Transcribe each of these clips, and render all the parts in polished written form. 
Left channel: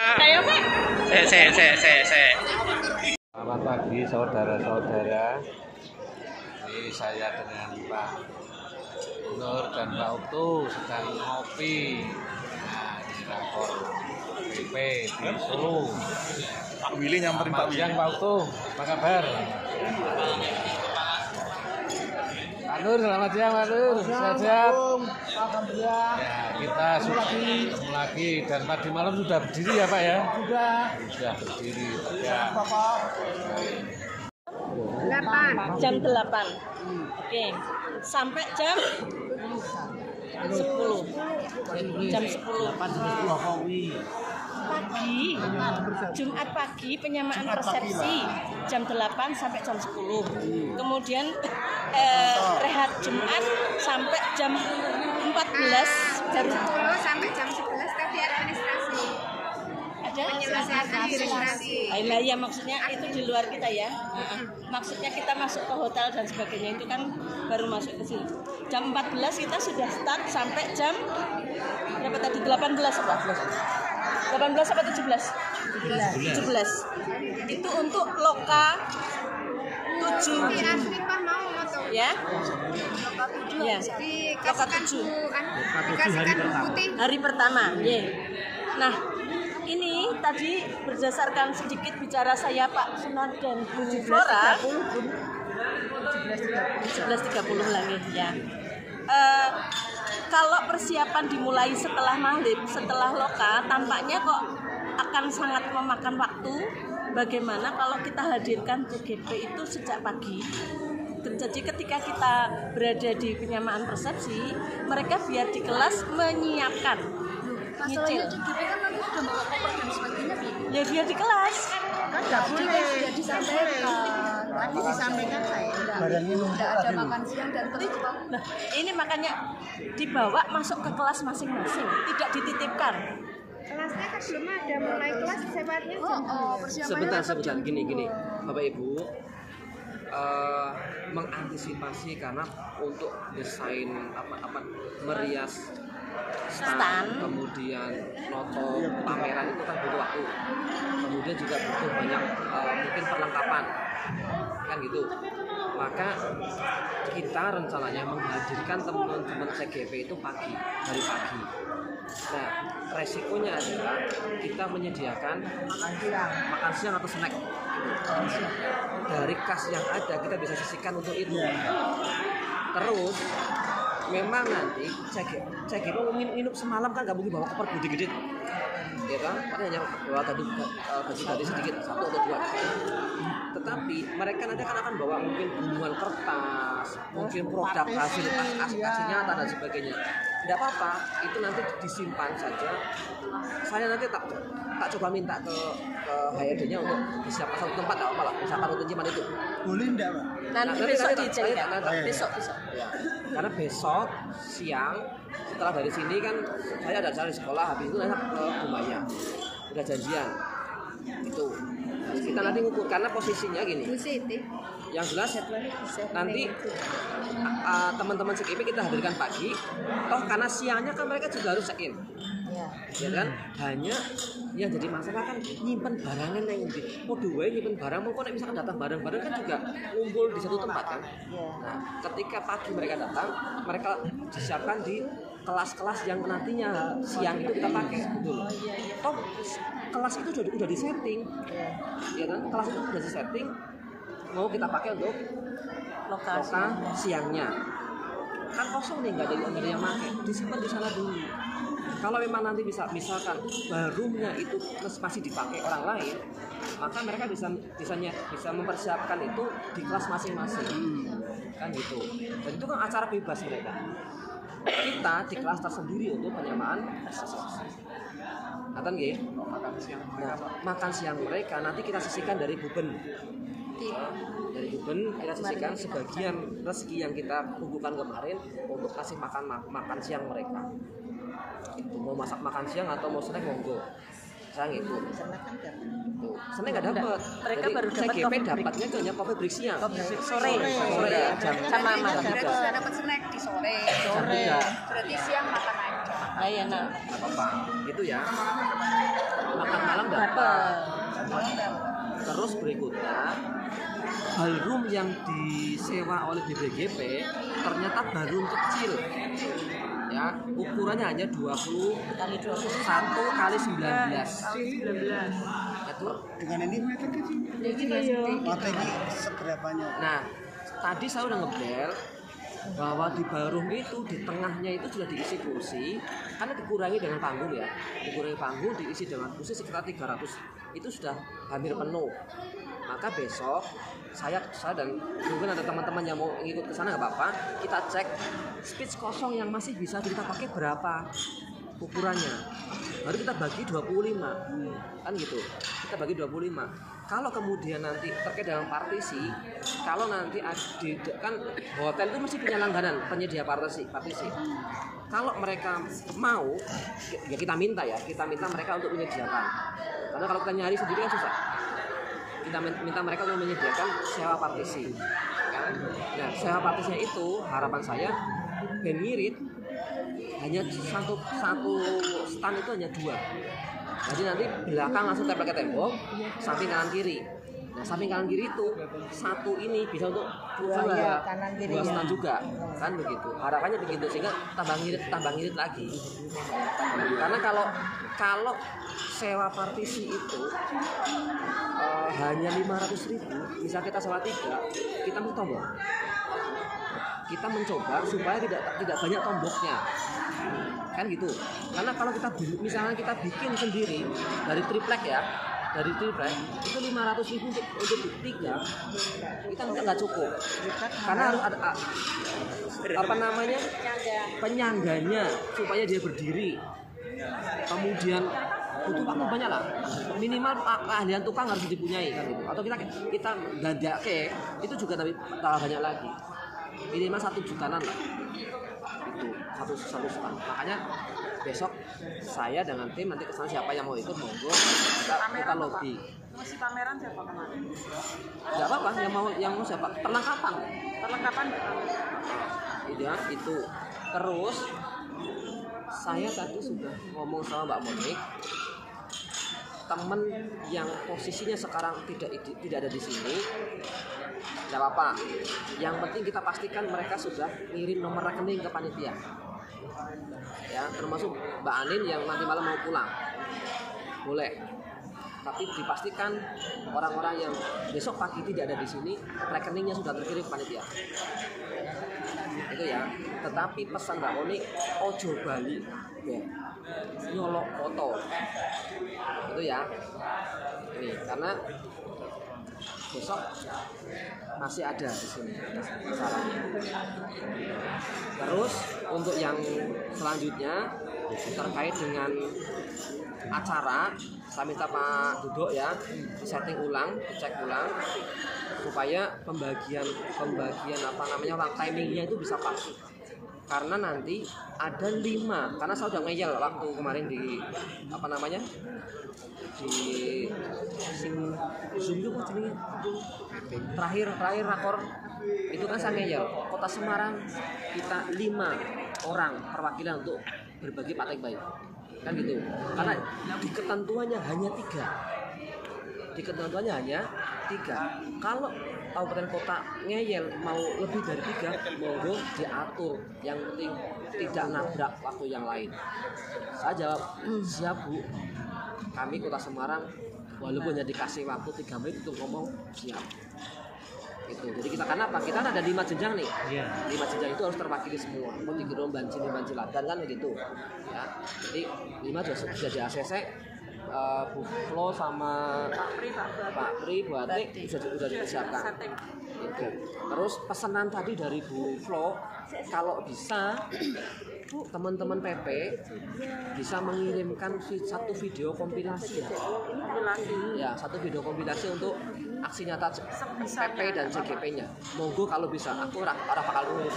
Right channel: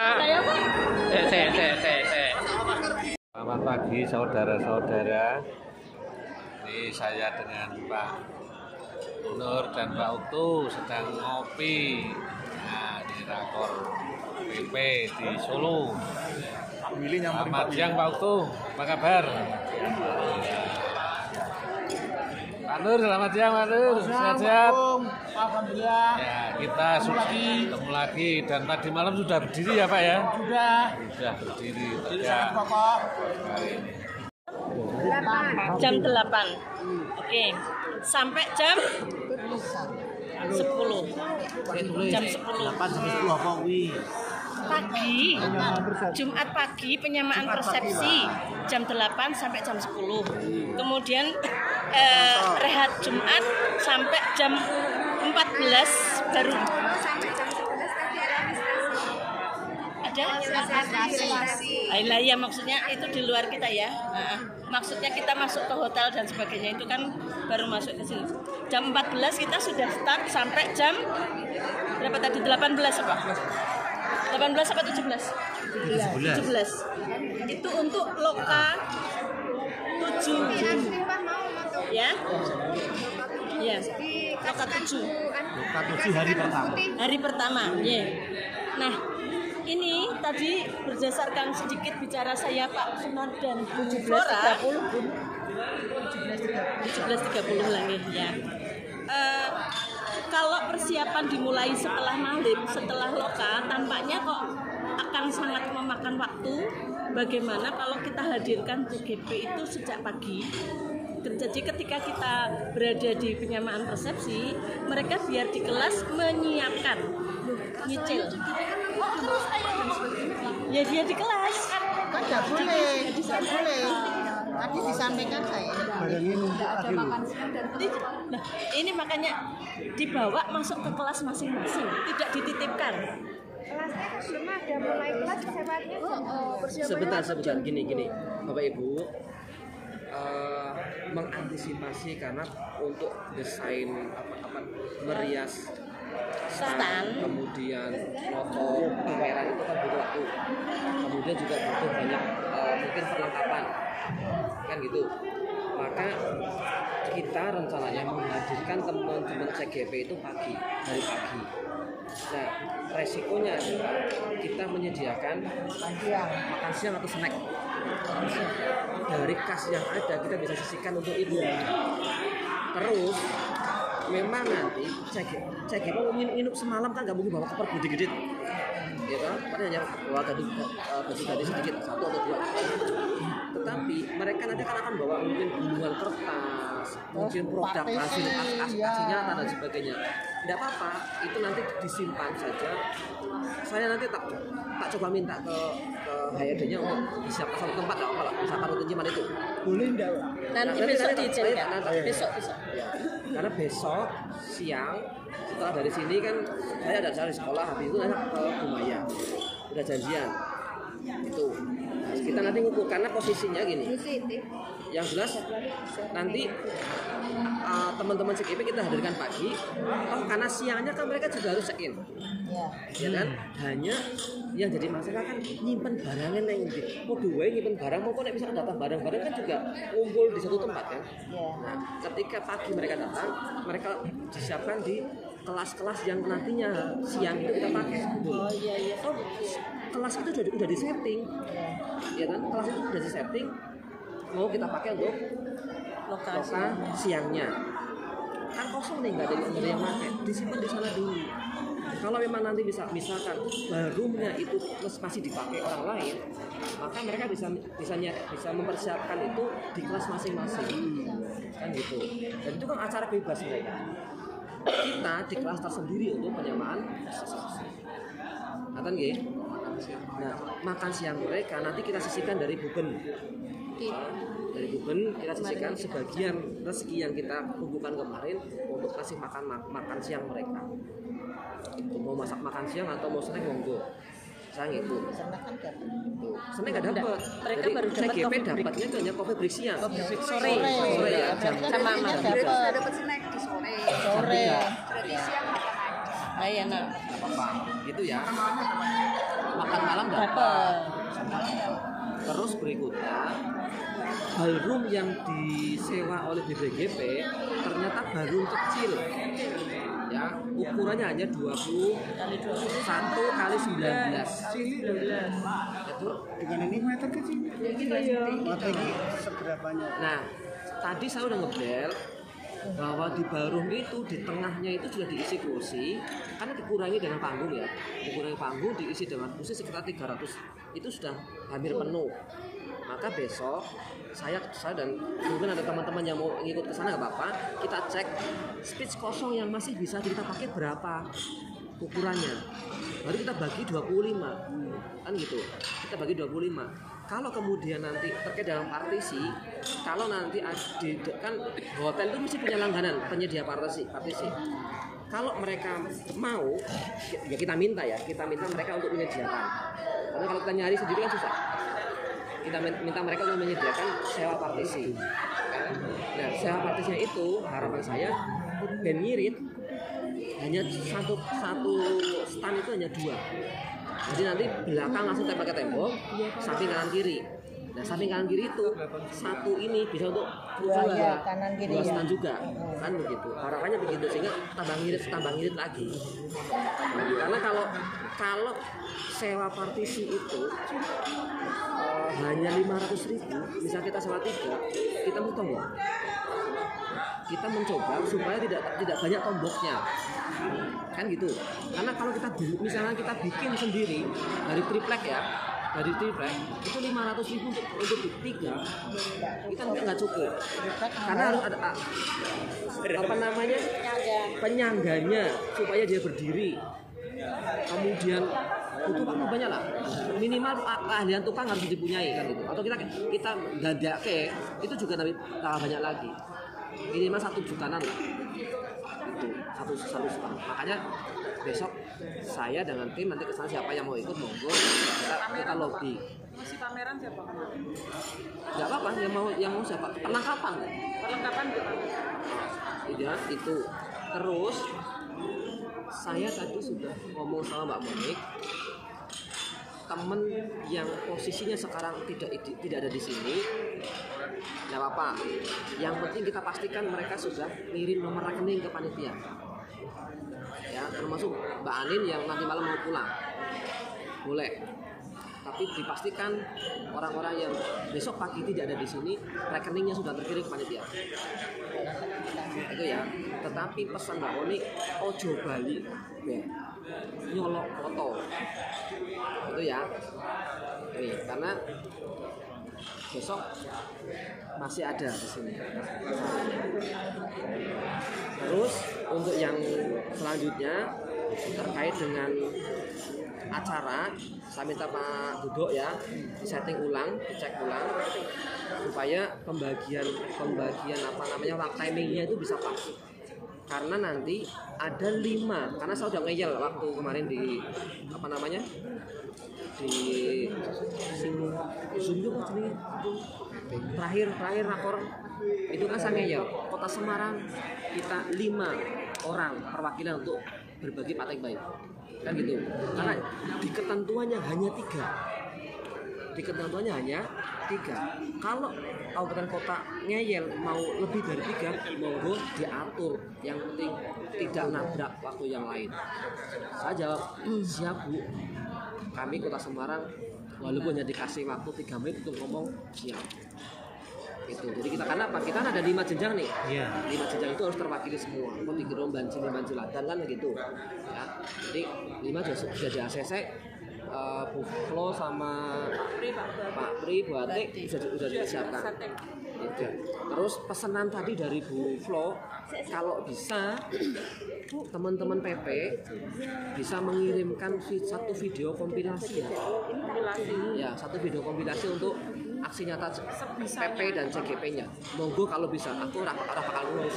Selamat pagi saudara-saudara. Ini saya dengan Pak Nur dan Pak Utu sedang ngopi. Nah, di Rakor PP di Solo. Pak Willy nyamperin Selamat siang Pak Utu, apa kabar? Pak Nur, selamat siang Pak Nur, sehat-sehat. Ya, kita sudah ketemu lagi dan tadi malam sudah berdiri ya Pak ya? Sudah berdiri tegak. Jam 8. Oke. Sampai jam 10. Jam 10 pagi. Jumat pagi penyamaan persepsi jam 8 sampai jam 10. Kemudian rehat Jumat sampai jam 14 baru sampai jam 11 tadi administrasi. Ada? Ya maksudnya itu di luar kita ya. Maksudnya kita masuk ke hotel dan sebagainya itu kan baru masuk ke sini. Jam 14 kita sudah start sampai jam berapa tadi? 18 apa? 18 apa 17? 17. Itu untuk loka 7. Ya. Ya. Loka 7. Hari pertama. Yeah. Nah, ini tadi berdasarkan sedikit bicara saya Pak Sunan dan Bu Flora 17.30 lagi ya. Kalau persiapan dimulai setelah maghrib, setelah loka, tampaknya kok akan sangat memakan waktu. Bagaimana kalau kita hadirkan TGP itu sejak pagi? Jadi ketika kita berada di penyamaan persepsi, mereka biar di kelas menyiapkan, nyicil. Ya dia di kelas. Kan nggak boleh disampaikan. Tadi disampaikan saya tidak ada makan siang dan kelas. Nah, ini makanya dibawa masuk ke kelas masing-masing, tidak dititipkan. Kelasnya kan belum ada, mulai kelas secepatnya Sebentar, gini, Bapak Ibu, mengantisipasi karena untuk desain merias stand, kemudian noto pameran itu kan butuh waktu, kemudian juga butuh banyak mungkin perlengkapan, kan gitu. Maka kita rencananya menghadirkan teman-teman CGP itu dari pagi. Nah, resikonya adalah kita menyediakan makan siang atau snack dari kas yang ada, kita bisa sisihkan untuk itu. Terus memang nanti CGP minum semalam kan nggak mungkin bawa koper gede-gede, ya kan? Paling hanya bawa gaji sedikit, 1 atau 2. Tetapi mereka nanti akan bawa mungkin gunungan kertas, mungkin produk hasil nyata dan sebagainya. Tidak apa-apa, itu nanti disimpan saja. Saya nanti tak coba minta ke HRD-nya untuk disiapkan satu tempat, nggak apa-apa lah, misalkan untuk penyimpanan itu. Boleh enggak? Nanti besok diizinkan. Besok. Ya, karena besok siang setelah dari sini kan saya ada di sekolah, habis itu nanti ke Bumaya. Udah janjian. Itu. Kita nanti ngukur karena posisinya gini. Yang jelas nanti teman-teman CGP kita hadirkan pagi. Oh, karena siangnya kan mereka juga harus check-in. Ya kan? Hanya yang jadi masalah kan nyimpen barangan yang nyimpen barang mungkin nek misalkan datang barang-barang kan juga ngumpul di satu tempat kan. Nah, ketika pagi mereka datang, mereka disiapkan di kelas-kelas yang nantinya siang itu kita pakai gitu. Oh, kelas itu udah disetting. Ya kan? Kelas itu udah disetting mau kita pakai untuk lokasi siangnya. Kan kosong nih, nggak ada yang pakai, disimpan di sana dulu. Kalau memang nanti misalkan roomnya itu masih dipakai orang lain, maka mereka bisa mempersiapkan itu di kelas masing-masing, kan gitu. Dan itu kan acara bebas mereka. Kita di kelas tersendiri untuk penyamaan. Nonton nggih? Nah, makan siang mereka nanti kita sisihkan dari buben. Dari buben kita sisihkan sebagian rezeki yang kita kumpulkan kemarin untuk kasih makan siang mereka. Itu mau masak makan siang atau mau snack monggo. Saya gitu. Snack nggak dapat. Mereka baru dapat kopi dapatnya hanya kopi break siang. Sore sama malam. Sudah dapat snack di sore. Berarti siang makan aja. Layanan. Gitu ya. Dapat. Terus berikutnya ballroom yang disewa oleh BBGP ternyata ballroom kecil. Ya, ukurannya hanya 21 kali 19. Itu Dengan ini meter kecil. Mata ini seberapanya? nah, tadi saya udah ngebel bahwa di ballroom itu di tengahnya itu sudah diisi kursi karena dikurangi dengan panggung ya, dikurangi panggung diisi dengan kursi sekitar 300, itu sudah hampir penuh. Maka besok saya dan mungkin ada teman-teman yang mau ikut ke sana nggak apa-apa, kita cek speech kosong yang masih bisa kita pakai berapa ukurannya, baru kita bagi 25 kan gitu, kita bagi 25. Kalau kemudian nanti terkait dalam partisi, kalau nanti kan hotel itu mesti punya langganan penyedia partisi. Kalau mereka mau, ya kita minta mereka untuk menyediakan. Karena kalau kita nyari sendiri kan susah. Kita minta mereka untuk menyediakan sewa partisi. Kan? Nah, sewa partisinya itu harapan saya band ngirit hanya satu stand itu hanya 2. Jadi nanti belakang langsung tempel ke tembok, samping kanan kiri. Nah, samping kanan kiri itu satu ini bisa untuk dua stand juga, kan begitu. Harapannya begitu sehingga tambah ngirit lagi. Nah, karena kalau sewa partisi itu hanya 500.000, misal kita sewa 3, kita mau tombol. Kita mencoba supaya tidak banyak tomboknya, kan gitu. Karena kalau misalnya kita bikin sendiri dari triplek itu 500.000 untuk di 3 kita nggak cukup, karena harus ada penyangganya supaya dia berdiri. Kemudian butuh waktu banyak lah, minimal keahlian tukang harus dipunyai kan gitu. Atau kita dadake itu juga tapi banyak lagi, minimal 1 jutaan lah itu satu stand. Makanya besok saya dengan tim nanti kesana, siapa yang mau ikut monggo, kita lobby. Masih pameran siapa kemarin? Nggak apa-apa, yang mau siapa, perlengkapan ya itu. Terus saya tadi sudah ngomong sama Mbak Monik, temen yang posisinya sekarang tidak ada di sini, nggak apa-apa. Yang penting kita pastikan mereka sudah ngirim nomor rekening ke panitia. Ya, termasuk Mbak Anin yang nanti malam mau pulang, boleh. Tapi dipastikan orang-orang yang besok pagi tidak ada di sini, rekeningnya sudah terkirim ke panitia. Itu ya. Tetapi pesan Mbak Monik, ojo bali ya, nyolok foto itu ya. Karena besok masih ada di sini caranya. Terus untuk yang selanjutnya terkait dengan acara, saya minta Pak Duduk ya setting ulang, dicek ulang supaya pembagian timingnya itu bisa pas. Karena nanti ada 5, karena saya udah ngeyel waktu kemarin di terakhir rakor itu kan saya ngeyel Kota Semarang kita 5 orang perwakilan untuk berbagi patek baik kan gitu. Karena di ketentuannya hanya 3. Kalau kabupaten kota ngeyel mau lebih dari 3, monggo diatur, yang penting tidak nabrak waktu yang lain. Saya jawab, siap Bu, kami Kota Semarang walaupun hanya dikasih waktu 3 menit untuk ngomong, siap. Itu. Jadi kita kenapa? Kita ada 5 jenjang nih. 5 jenjang itu harus terwakili semua. Mau dikirim banci ladan kan begitu. Ya. Jadi 5 sudah di ACC. Bu Flo sama Pak Pri, Bu Atik sudah disiapkan. Itu. Terus pesanan tadi dari Bu Flo, kalau bisa teman-teman PP bisa mengirimkan satu video kompilasi ya, satu video kompilasi untuk aksi nyata PP dan CGP-nya. Monggo kalau bisa, aku orang bakal ngurus.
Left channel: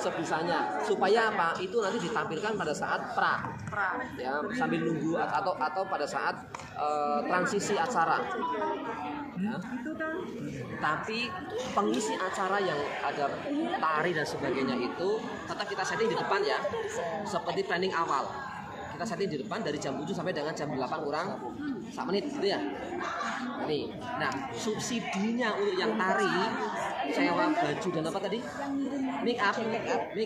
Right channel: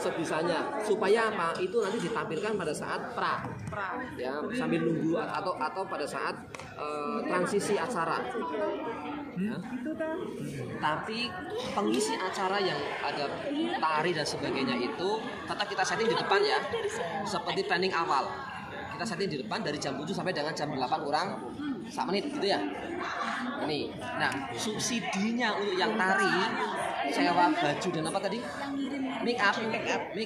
Sebisanya supaya apa, itu nanti ditampilkan pada saat pra ya, sambil nunggu atau pada saat transisi acara ya. Tapi pengisi acara yang ada tari dan sebagainya itu tetap kita setting di depan ya, seperti planning awal kita setting di depan dari jam 7 sampai dengan jam 8 kurang 1 menit gitu ya. Ini. Nah, subsidinya untuk yang tari, sewa baju dan apa tadi? Make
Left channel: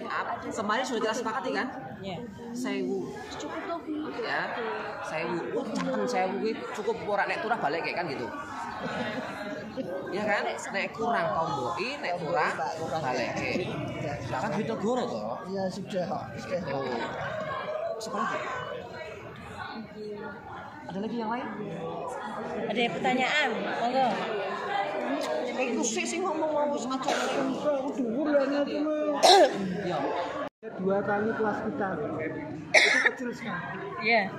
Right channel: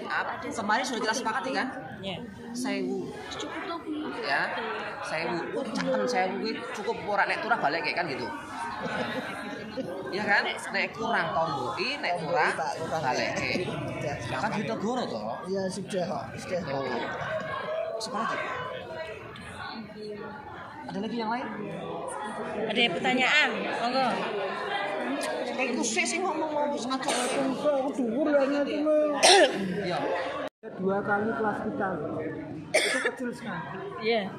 up. Kemarin sudah kita sepakati kan? Iya. 1000. Ya. 1000. Caken 1000 kuwi cukup ora nek turah balik kayak kan gitu. Iya kan? Nek kurang tomboki, nek kurang baleke. Lah kan duit negara toh. Iya sudah. Tuh. Siapa lagi? Ada lagi yang lain? Ada pertanyaan? Monggo. Iku sih ngomong satu. Dhuwur ya nyati. Iya. 2 kali kelas kita. Itu kecil sekali. Iya.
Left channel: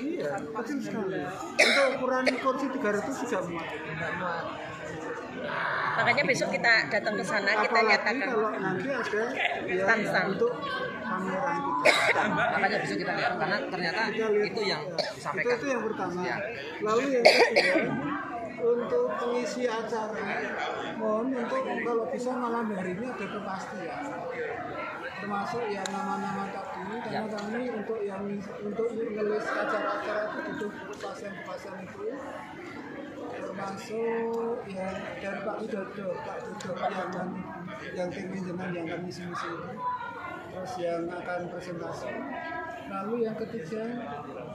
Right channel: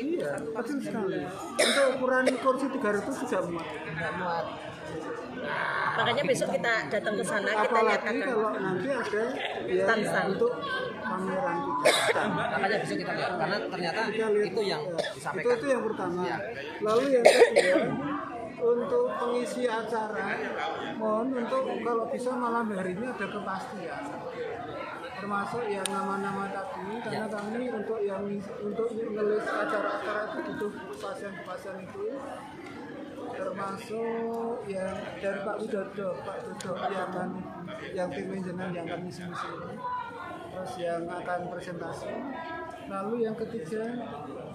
Iya, kecil sekali. Untuk ukuran kursi 300 tidak muat. Makanya besok kita datang ke sana, kita Apalagi nyatakan. kalau nanti ada ya Stand-stand. untuk pameran kita. Makanya bisa kita lihat karena ternyata Kita lihat itu yang ya, disampaikan. itu yang pertama. Ya. Lalu yang kedua, untuk pengisi acara, mohon untuk kalau bisa malam harinya ada kepastian. Termasuk yang nama-nama tadi, karena kami untuk ngelis acara-acara itu butuh kepastian itu. Termasuk yang dari Pak Widodo yang tim manajemen yang kami misi terus yang akan presentasi. Lalu yang ketiga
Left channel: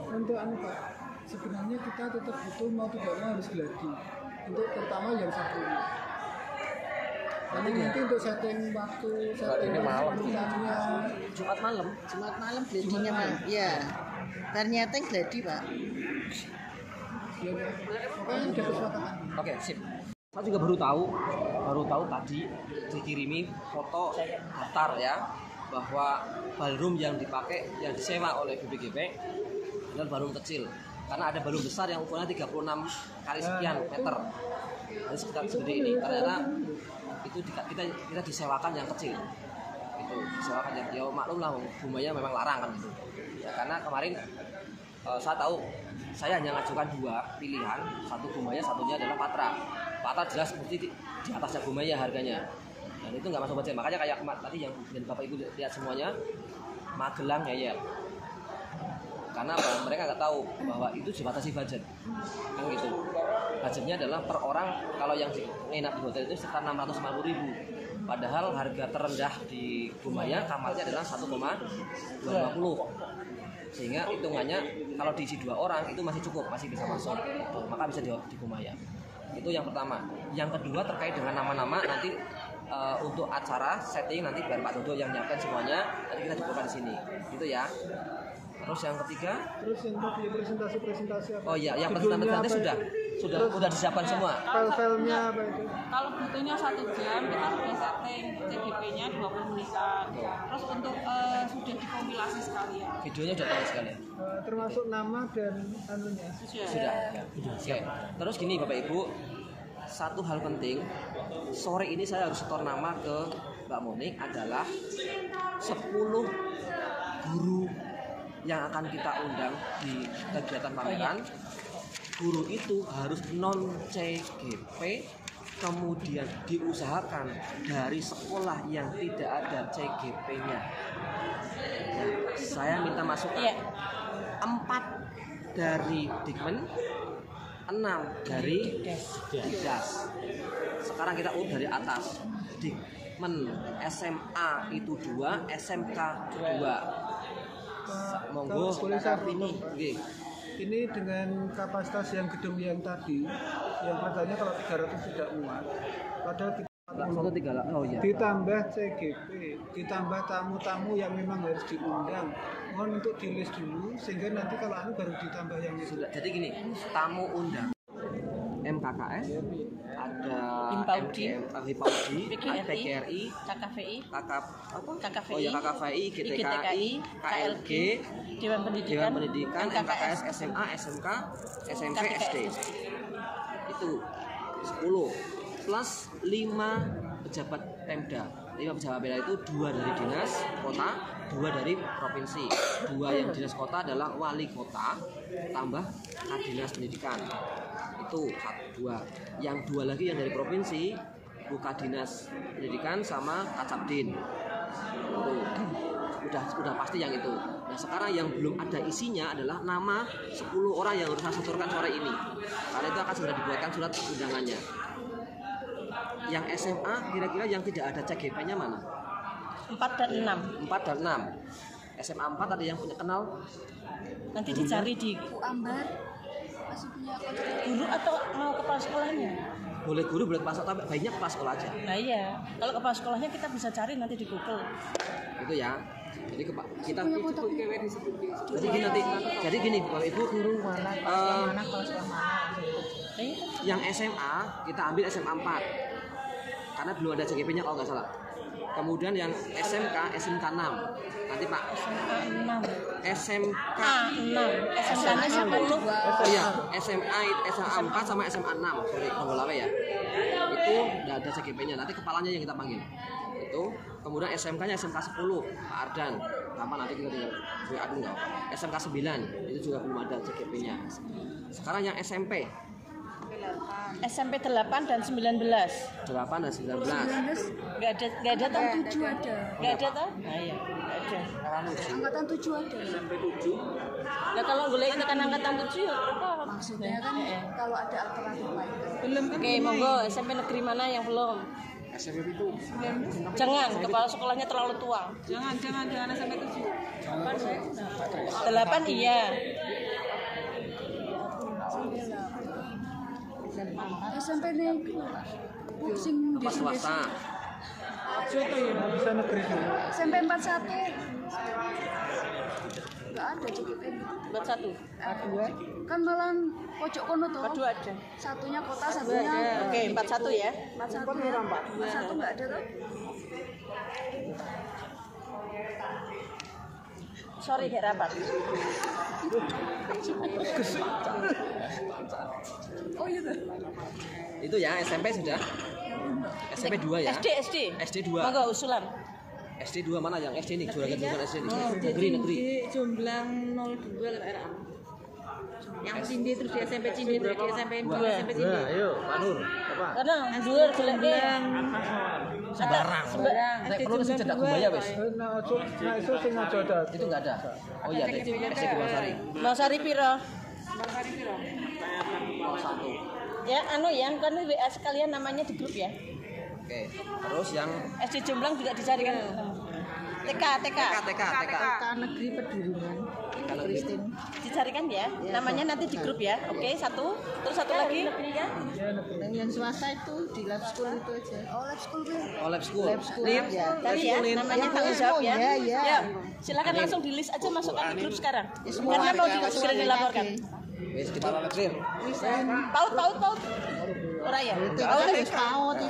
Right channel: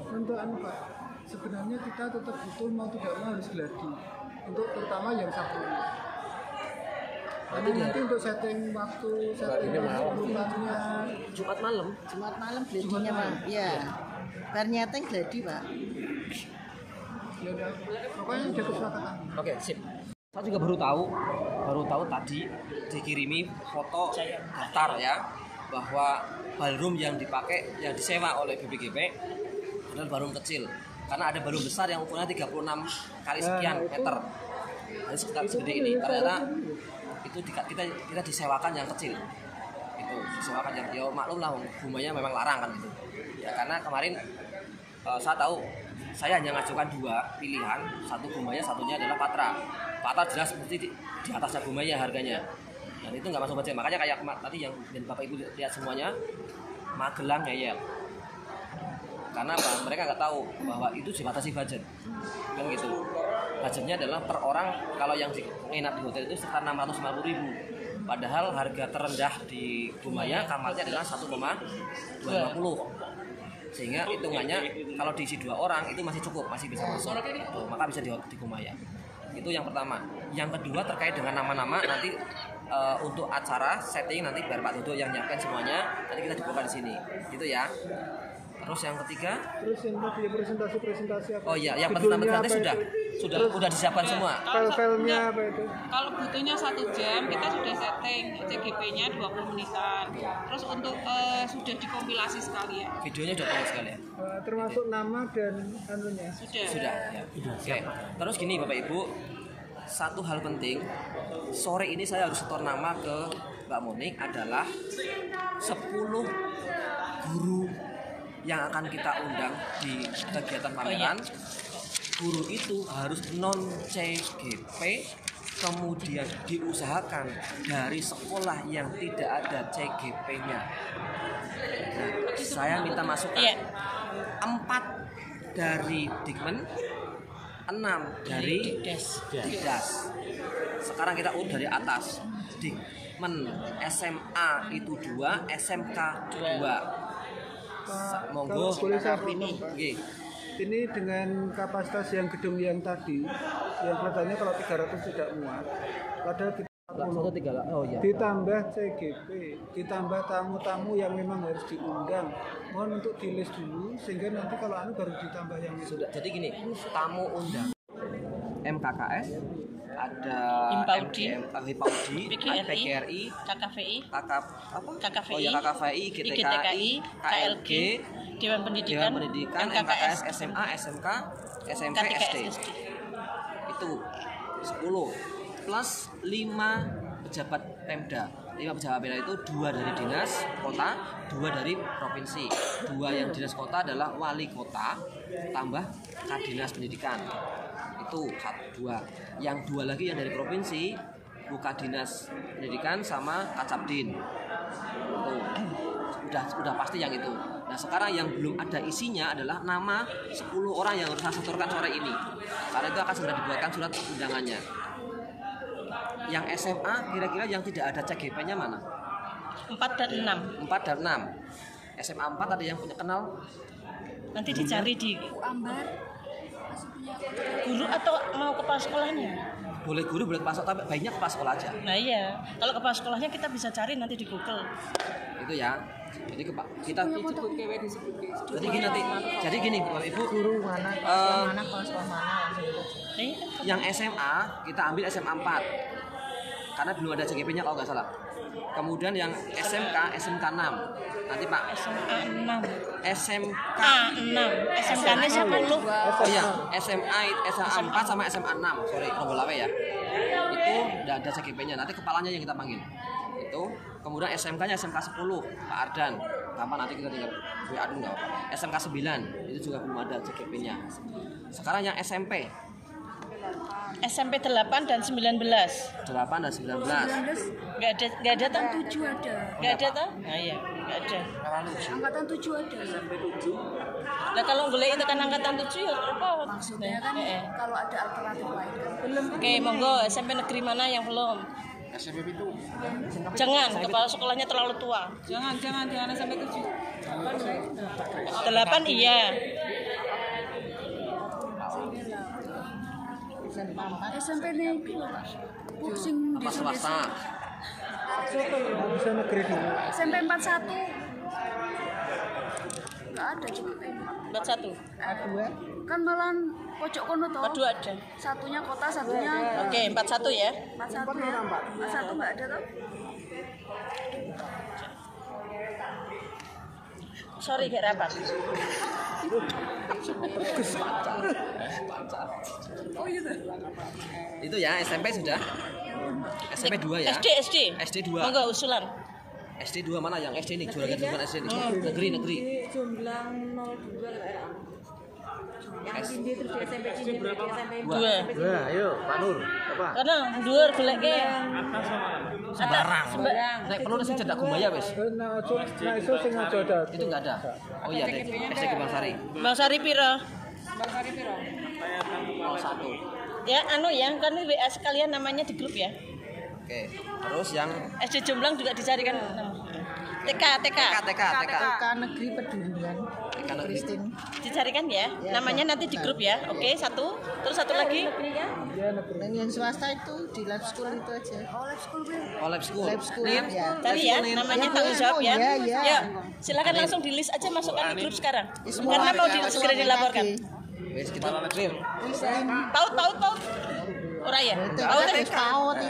untuk Pak, sebenarnya kita tetap butuh mau tidak mau harus gladi untuk terutama yang satu ini. Karena nanti untuk setting waktu, setting urutannya Jumat malam. Jumat malam gladinya Pak. Iya. Ternyata gladi Pak. ya udah, pokoknya udah kesepakatan. Oke, sip. Saya juga baru tahu tadi dikirimi foto daftar ya bahwa ballroom yang dipakai yang disewa oleh BPGP adalah ballroom kecil karena ada ballroom besar yang ukurannya 36 kali sekian meter. Jadi sekitar segede ini. Ternyata itu kita disewakan yang kecil. Itu disewakan yang dia maklum lah bumanya memang larang kan itu. Ya, karena kemarin saya tahu saya hanya ngajukan 2 pilihan, satu Bumaya, satunya adalah Patra. Patra jelas mesti di atasnya Bumaya harganya. Dan itu nggak masuk budget. Makanya kayak tadi yang Bapak Ibu lihat semuanya Magelang ngeyel. Karena apa? Mereka nggak tahu bahwa itu dibatasi budget. Kan gitu. Budgetnya adalah per orang kalau yang nginap di hotel itu sekitar 650.000. Padahal harga terendah di Bumaya kamarnya adalah 1,250. Sehingga hitungannya kalau diisi 2 orang itu masih cukup, masih bisa masuk gitu. Maka bisa di Bumaya. Itu yang pertama. Yang kedua terkait dengan nama-nama nanti untuk acara setting nanti biar Pak Dodo yang nyiapkan semuanya, nanti kita dibuka di sini gitu ya. Terus yang ketiga, Terus yang tadi presentasi apa? oh iya, yang presentasi sudah disiapkan semua. Filenya apa itu? Kalau butuhnya 1 jam, kita sudah setting CGP-nya 20 menitan. Terus untuk sudah dikompilasi sekalian. Videonya sudah tayang sekali ya. Termasuk nama dan anunya. Sudah ya. Oke. Terus gini Bapak Ibu, satu hal penting, sore ini saya harus setor nama ke Mbak Monik adalah 10 guru yang akan kita undang di kegiatan pameran. Guru itu harus non CGP, kemudian diusahakan dari sekolah yang tidak ada CGP-nya. Nah, saya minta masukan. 4 dari Dikmen, 6 dari Dikdas. Sekarang kita urut dari atas. Dikmen SMA itu 2, SMK 2. Monggo ini. Ini dengan kapasitas yang gedung yang tadi, yang katanya kalau 300 tidak muat. Padahal kita 40. Oh iya. Ditambah CGP, ditambah tamu-tamu yang memang harus diundang. Mohon untuk di list dulu sehingga nanti kalau baru ditambah yang itu. Jadi gini, tamu undang MKKS, ada Himpaudi, PGRI, KKVI, KKVI, GTKI, KLG, Dewan Pendidikan, MKKS, SMA, SMK, SMP, SD. Itu 10 plus 5 pejabat Pemda. 5 pejabat Pemda itu 2 dari dinas kota, 2 dari provinsi. 2 yang dinas kota adalah wali kota tambah Kadinas Pendidikan. Itu 2. Yang 2 lagi yang dari provinsi buka dinas pendidikan sama Kacabdin. Itu udah pasti yang itu. Nah sekarang yang belum ada isinya adalah nama 10 orang yang harus saya setorkan sore ini. Karena itu akan segera dibuatkan surat undangannya. Yang SMA kira-kira yang tidak ada CGP-nya mana? 4 dan 6. 4 dan 6. SMA 4 ada yang punya kenal? Nanti dicari di guru atau mau kepala sekolahnya. Boleh guru, boleh kepala sekolah, tapi baiknya kepala sekolah aja. Nah iya, kalau kepala sekolahnya kita bisa cari nanti di Google. Itu ya. Jadi kita jadi gini Bapak Ibu, yang SMA kita ambil SMA 4 karena belum ada CGP-nya kalau nggak salah. Kemudian yang SMK 6 nanti Pak SMK 6 10. Oh iya, SMA 4 sama SMA 6. Sorry, penggelawe ya. Itu udah ada CGP-nya. Nanti kepalanya yang kita panggil. Itu. Kemudian SMK-nya SMK 10, Pak Ardan. Kapan nanti kita tinggal WA dulu. SMK 9 itu juga belum ada CGP-nya. Sekarang yang SMP. SMP 8 dan 19. 8 dan 19. Enggak ada toh? 7 ada. Enggak ada toh? Nah iya, enggak ada. Angkatan 7 ada. Nah kalau boleh itu kan angkatan 7 ya apa? Maksudnya kan kalau ada alternatif lain kan. Belum. Oke, monggo SMP negeri mana yang belum? SMP itu. Jangan, kepala sekolahnya terlalu tua. Jangan sampai 7. 8 iya. SMP negeri pusing di sini. Swasta. Bisa negeri dulu. SMP 41 nggak ada juga ini. 41. Kan malah pojok kono toh. Kedua ada. Satunya kota, satunya Oke, 41 ya. 41 ya. 41 nggak ada toh. Sorry kayak rapat. Itu ya SMP sudah. SMP 2 ya. SD 2. Monggo usulan. SD 2 mana yang SD ini? Jualan SD ini. Negeri. Jomblang 02 kan. Yang Cindi terus di SMP Cindi terus di SMP 2. Nah, ayo Pak Nur. Apa? Karena dhuwur goleke. Sembarang. Nek perlu sing cedak Gumaya wis. Nah, iso sing aja ada. Itu enggak ada. Oh iya deh. SD Kubangsari. Bang Sari piro? 01. Ya, anu ya, kan WA sekalian namanya di grup ya. Oke. Terus yang SD Jomblang juga dicarikan. TK. TK. Negeri Pedulian. TK negeri. Dicarikan ya. Namanya nanti di grup ya. Oke, satu. Terus satu lagi. Dan yang swasta itu di lab school itu aja. Oh, lab school. Nin, Tadi ya, namanya tanggung jawab ya. Ya, silakan langsung di list aja masukkan di grup sekarang. Karena mau segera dilaporkan. Wis kita kirim. Paut. Ora ya? Paut kan?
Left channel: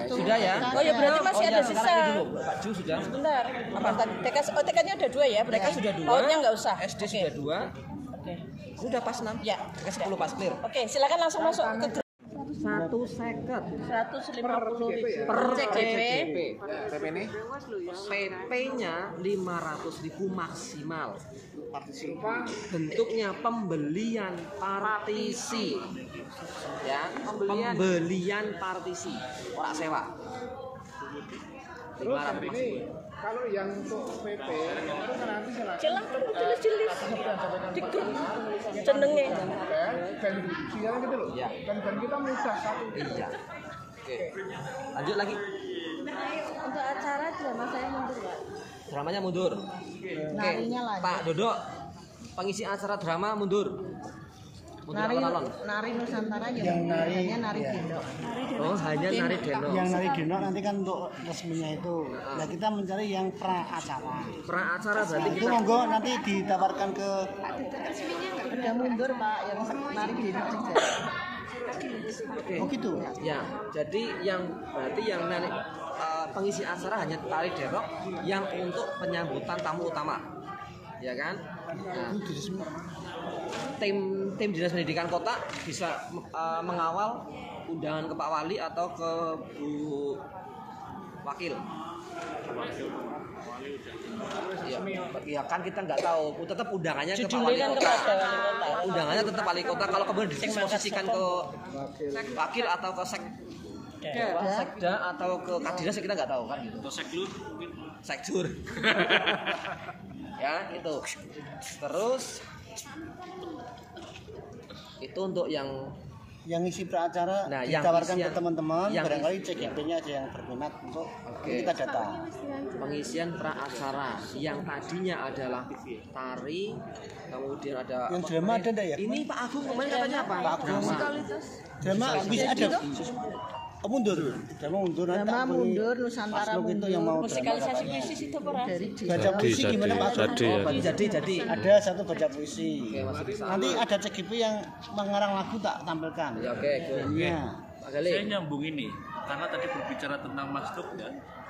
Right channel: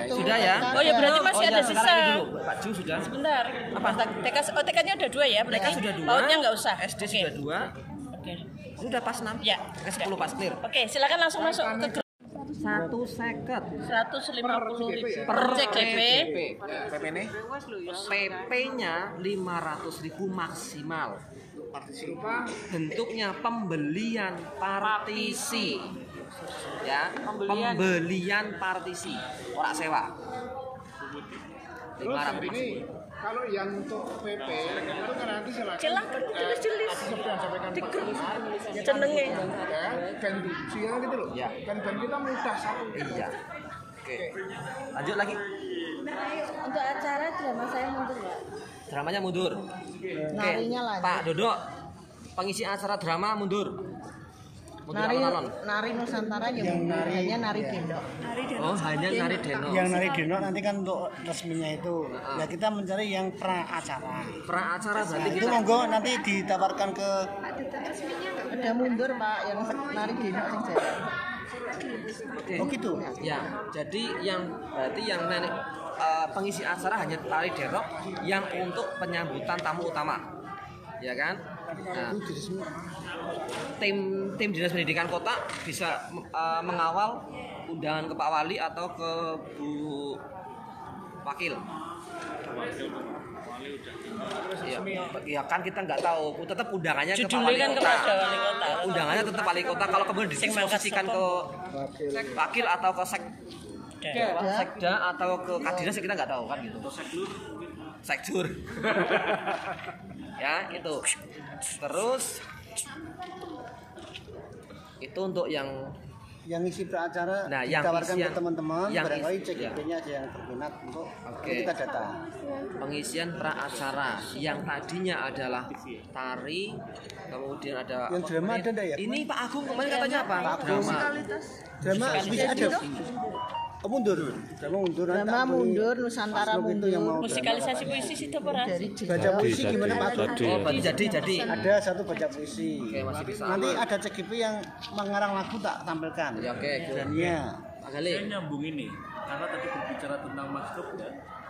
Sudah ya. Oh ya berarti masih ada sisa. Sekarang ini dulu. Pak Ju sudah. Sebentar. Apa? TK-nya udah 2 ya? TK sudah 2. Pautnya nggak usah. SD sudah 2. Oke. Sudah pas 6. Ya. TK 10 pas clear. Oke, silakan langsung masuk ke grup. 150 150.000 per CGP. PP ini? PP-nya 500.000 maksimal. Bentuknya pembelian partisi. Ya, pembelian partisi, ora sewa. 500 maksimal. Kalau yang untuk PP Silahkan tulis di list. Di grup. Jenenge. dan siang gitu loh. Ya. Dan kita mudah satu. Iya. Oke. Lanjut lagi. Untuk acara drama saya mundur ya. Dramanya mundur. Oke. Pak Dodo, pengisi acara drama mundur. Mundur alon-alon. Nari Nusantara Yang nari hanya nari gendong. Oh, hanya nari deno. yang nari dino nanti kan untuk resminya itu. Ya kita mencari yang pra acara. Pra acara Nah, berarti itu kita monggo nanti ditawarkan ke Udah mundur Pak, yang nari gendong aja. oh gitu. ya. Jadi yang berarti yang pengisi acara hanya tari derok yang untuk penyambutan tamu utama. Ya kan? Nah, tim Dinas Pendidikan Kota bisa mengawal undangan ke Pak Wali atau ke Bu Wakil. Ya kan kita nggak tahu, tetap undangannya ke Pak Judulnya Wali kan Kota. kepada wali kota. Undangannya tetap Wali Kota. Kalau kemudian disposisikan ke Wakil atau ke Sekda atau ke Kadinas kita nggak tahu kan gitu. Sekdur. Ya itu. Terus itu untuk yang isi peracara nah, yang ditawarkan isian, ke teman-teman, yang barangkali CGP-nya ada yang berminat untuk kita datang. Pengisian pra-acara yang tadinya adalah tari, kemudian ada yang drama ada enggak ya? Ini Pak Agung kemarin katanya apa? Drama bisa ada. Oh, mundur Nusantara mundur yang mau Musikalisasi puisi situ pernah. baca puisi gimana Pak? Jadi Ada satu baca puisi. Oke, masih bisa. Nanti ada CGP yang mengarang lagu tak tampilkan. Oke. Saya nyambung ini karena tadi berbicara tentang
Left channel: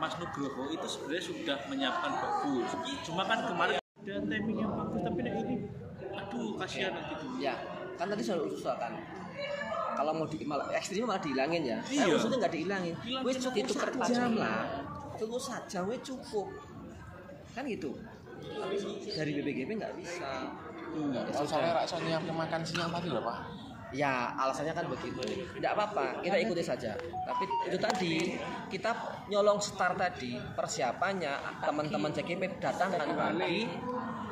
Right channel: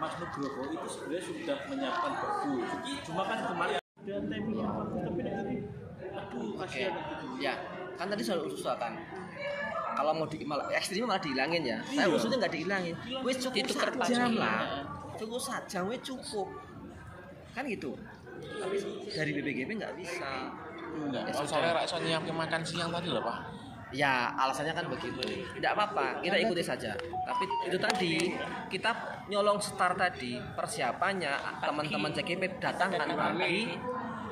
Mas Nugroho itu sebenarnya sudah menyiapkan bagus. Cuma kan kemarin ada timing yang bagus tapi ini aduh kasihan gitu. Ya, kan tadi sudah usulkan. Kalau mau malah ekstrim malah dihilangin ya. Saya usulnya nggak dihilangin. Wes cukup Itu 1 jam lah. Cukup 1 jam wes cukup. Kan gitu. Tapi dari BPGP nggak bisa. Kalau saya rasa nyiapin makan siang tadi loh Pak. Ya alasannya kan begitu. Tidak apa-apa, kita ikuti saja. Tapi itu tadi kita nyolong start tadi persiapannya teman-teman CGP datangkan pagi.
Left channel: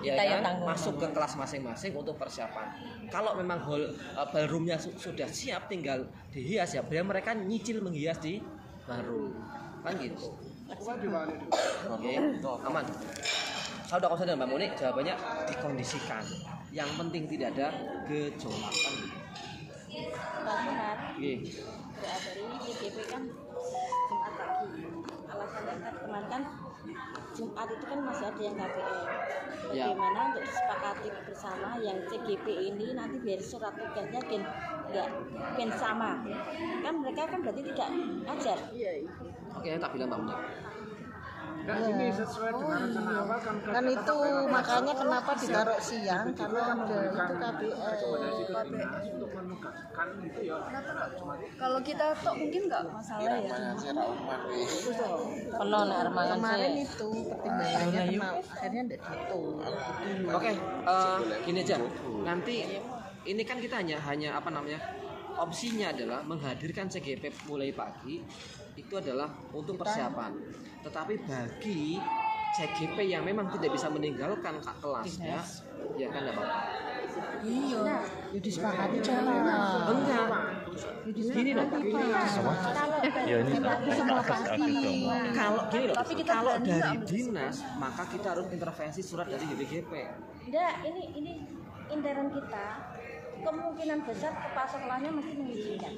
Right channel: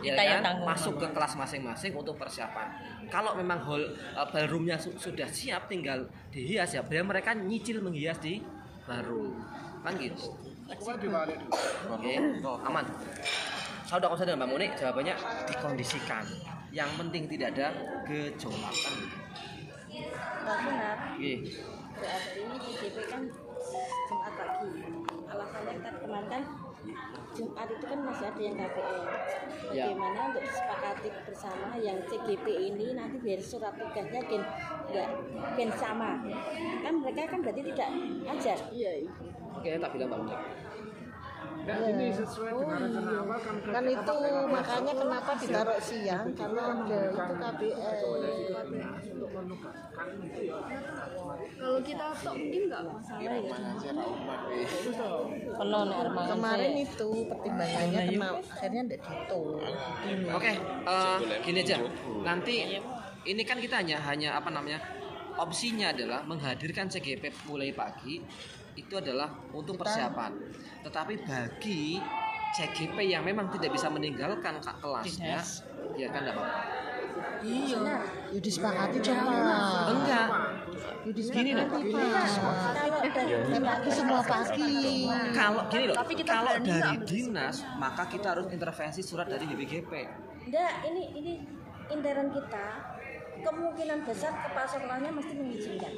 Ya kan, masuk ke kelas masing-masing untuk persiapan. Kalau memang ballroomnya sudah siap, tinggal dihias ya. Biar mereka nyicil menghias di ballroom, kan gitu. Oke, aman. Saya udah konsen dengan Mbak Muni, jawabannya dikondisikan. Yang penting tidak ada gejolakan. Hari ini CGP kan Jumat pagi. Alasannya kemarin kan Jumat itu kan masih ada yang KPR. Bagaimana untuk disepakati bersama yang CGP ini nanti biar surat tugasnya gen sama. Kan mereka kan berarti tidak ajar. Oke, tak bilang Mbak Muni. Ini sesuai dengan rencana awal Kan itu makanya kenapa ditaruh siang karena ada itu KPR. untuk menugaskan itu ya. Kalau kita tok mungkin nggak masalah ya. Penuh nek armangan Kemarin itu pertimbangannya kenapa akhirnya tidak gitu. Oke, gini aja. Nanti ini kan kita hanya apa namanya? Opsinya adalah menghadirkan CGP mulai pagi itu adalah untuk persiapan. Tetapi bagi CGP yang memang tidak bisa meninggalkan kelasnya, ya kan enggak apa-apa. Iya, ya disepakati Enggak. Gini loh. semua pagi. Kalau gini loh, kalau dari dinas maka kita harus intervensi surat dari BPGP. Enggak, ini intern kita kemungkinan besar kepala mesti mengizinkan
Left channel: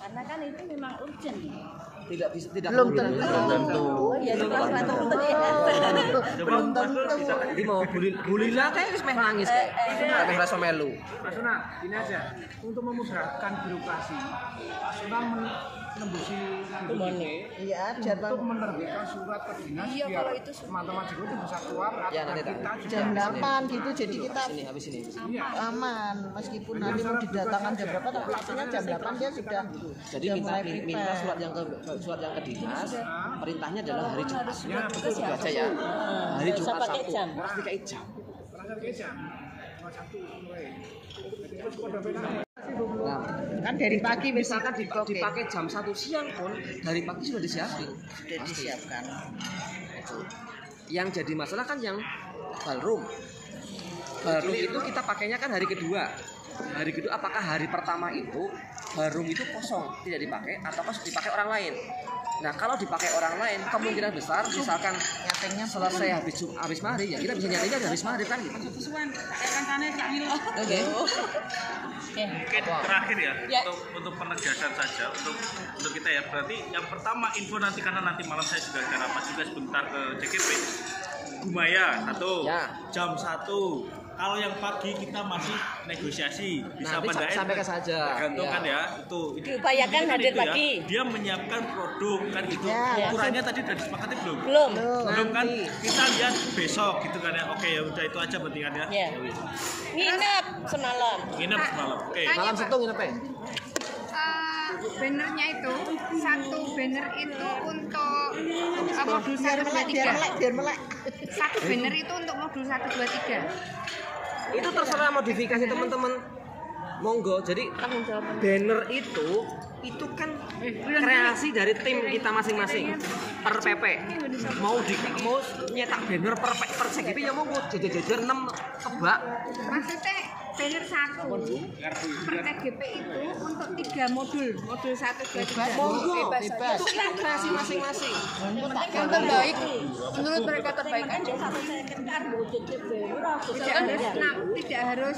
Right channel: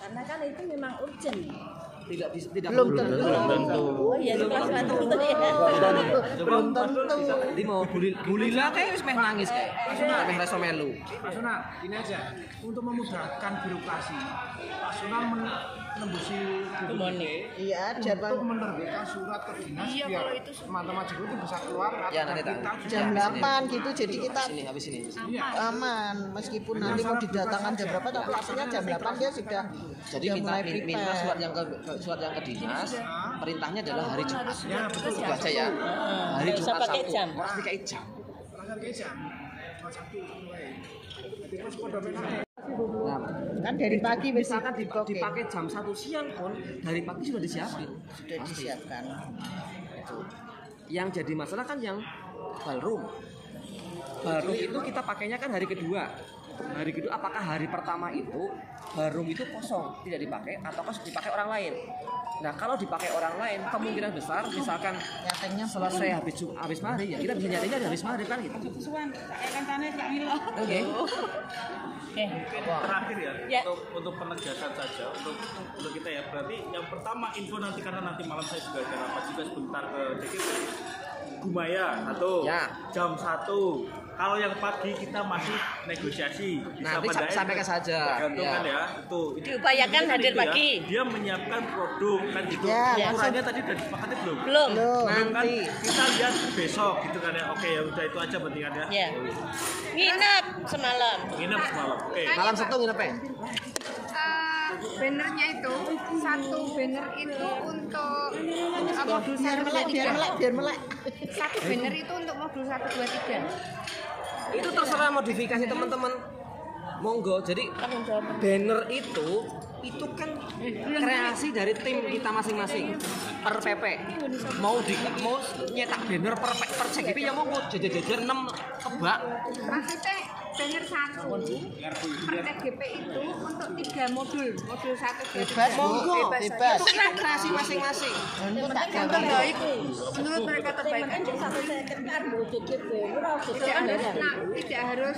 karena kan itu memang urgent. Tidak Belum tentu. Oh iya, belum tentu ya. Belum tentu. Ini mau bulin lah kayak meh nangis kayak. Tapi rasa melu. Mas Una, ini aja untuk memudahkan birokrasi, personal menembusi Iya, untuk menerbitkan surat ke dinas biar teman-teman juga itu bisa keluar. Ya nanti tak. jam 8 gitu jadi kita Habis ini. aman meskipun nanti mau didatangkan jam berapa tapi maksudnya jam 8 dia sudah Jadi minta surat yang ke dinas, perintahnya adalah hari Jumat. Itu aja ya. Hari Jumat pakai jam. Pakai jam. Nah, kan dari pagi misalkan dipakai jam 1 siang pun dari pagi sudah disiapkan. sudah disiapkan. Yang jadi masalah kan yang ballroom. Ballroom itu kita pakainya kan hari kedua. Hari kedua apakah hari pertama itu ballroom itu kosong tidak dipakai atau dipakai orang lain? Nah kalau dipakai orang lain kemungkinan besar misalkan Nyatanya selesai habis maghrib ya kita bisa nyatanya habis maghrib kan gitu. Oke. Mungkin terakhir ya, untuk penegasan saja untuk kita ya, berarti yang pertama info nanti karena nanti malam saya juga ada rapat juga sebentar ke CGP Gumaya 1 jam 1. Kalau yang pagi kita masih negosiasi. Nanti sampaikan saja. Tergantung kan ya. Itu diupayakan hadir pagi. Dia menyiapkan produk kan gitu. Ukurannya tadi sudah disepakati belum? Belum Kan kita lihat besok gitu kan ya. Oke ya udah itu aja berarti kan ya. Nginep semalam. Oke. Malam Sabtu nginep ya? Bannernya itu satu banner itu untuk modul 123. biar melek. Satu banner itu untuk modul 123. Itu terserah modifikasi teman-teman. Monggo. Jadi banner itu kan kreasi dari tim kita masing-masing per PP. Mau nyetak banner per CGP ya monggo jejer-jejer 6 kebak. Maksudnya banner 1 per TGP itu untuk 3 modul 1 bebas. Monggo bebas. Itu kreasi masing-masing. Yang terbaik menurut mereka terbaik aja. Tidak harus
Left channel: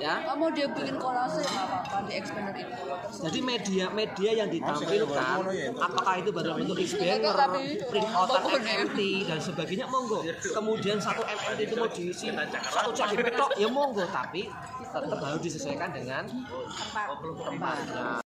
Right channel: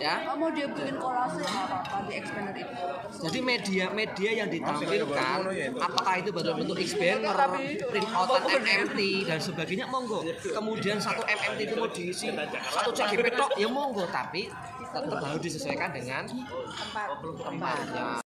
Ya. Mau dia bikin kolase apa-apa di expander itu. Jadi media yang ditampilkan, apakah itu berbentuk banner, print out MMT dan sebagainya, monggo. Kemudian 1 MMT itu mau diisi 1 CGP tok, ya monggo. Tapi tetap harus disesuaikan dengan tempatnya.